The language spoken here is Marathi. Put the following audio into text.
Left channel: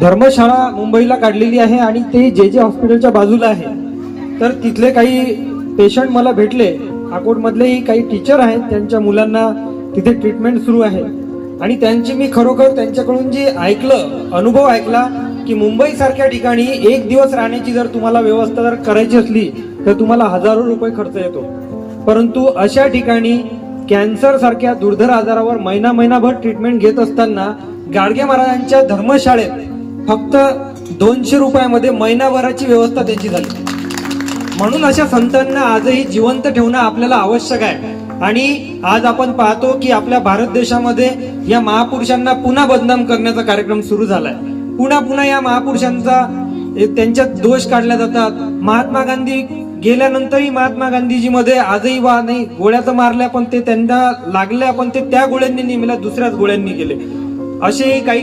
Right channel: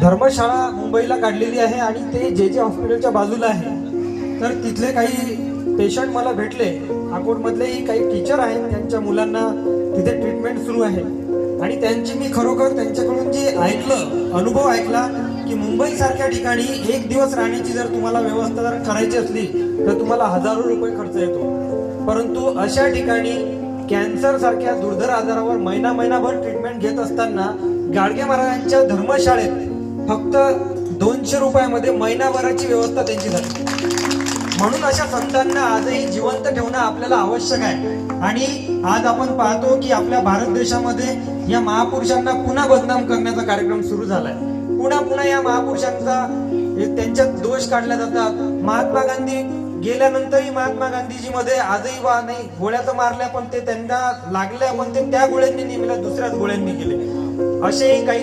धर्मशाळा मुंबईला काढलेली आहे आणि ते जे जे हॉस्पिटलच्या बाजूला आहे. तर तिथले काही पेशंट मला भेटले, अकोटमधलेही काही टीचर आहेत, त्यांच्या मुलांना तिथे ट्रीटमेंट सुरू आहे आणि त्यांची मी खरोखर त्यांच्याकडून जे अनुभव ऐकला की मुंबई सारख्या ठिकाणी एक दिवस राहण्याची जर तुम्हाला व्यवस्था जर करायची असली तर तुम्हाला हजारो रुपये खर्च येतो, परंतु अशा ठिकाणी कॅन्सर सारख्या दुर्धर आजारावर महिनाभर ट्रीटमेंट घेत असताना गाडगे महाराजांच्या धर्मशाळेत फक्त 200 रुपयामध्ये महिनाभराची व्यवस्था त्यांची झाली. म्हणून अशा संतांना आजही जिवंत ठेवणं आपल्याला आवश्यक आहे. आणि आज आपण पाहतो की आपल्या भारत देशामध्ये या महापुरुषांना पुन्हा बदनाम करण्याचा कार्यक्रम सुरू झालाय. पुन्हा या महापुरुषांचा त्यांच्यात दोष काढले जातात. महात्मा गांधी गेल्यानंतरही महात्मा गांधीजी मध्ये आजही नाही गोळ्या तर मारल्या, पण ते त्यांना लागल्या, पण ते त्या गोळ्यांनी नेमल्या दुसऱ्याच गोळ्यांनी गेले. असेही काही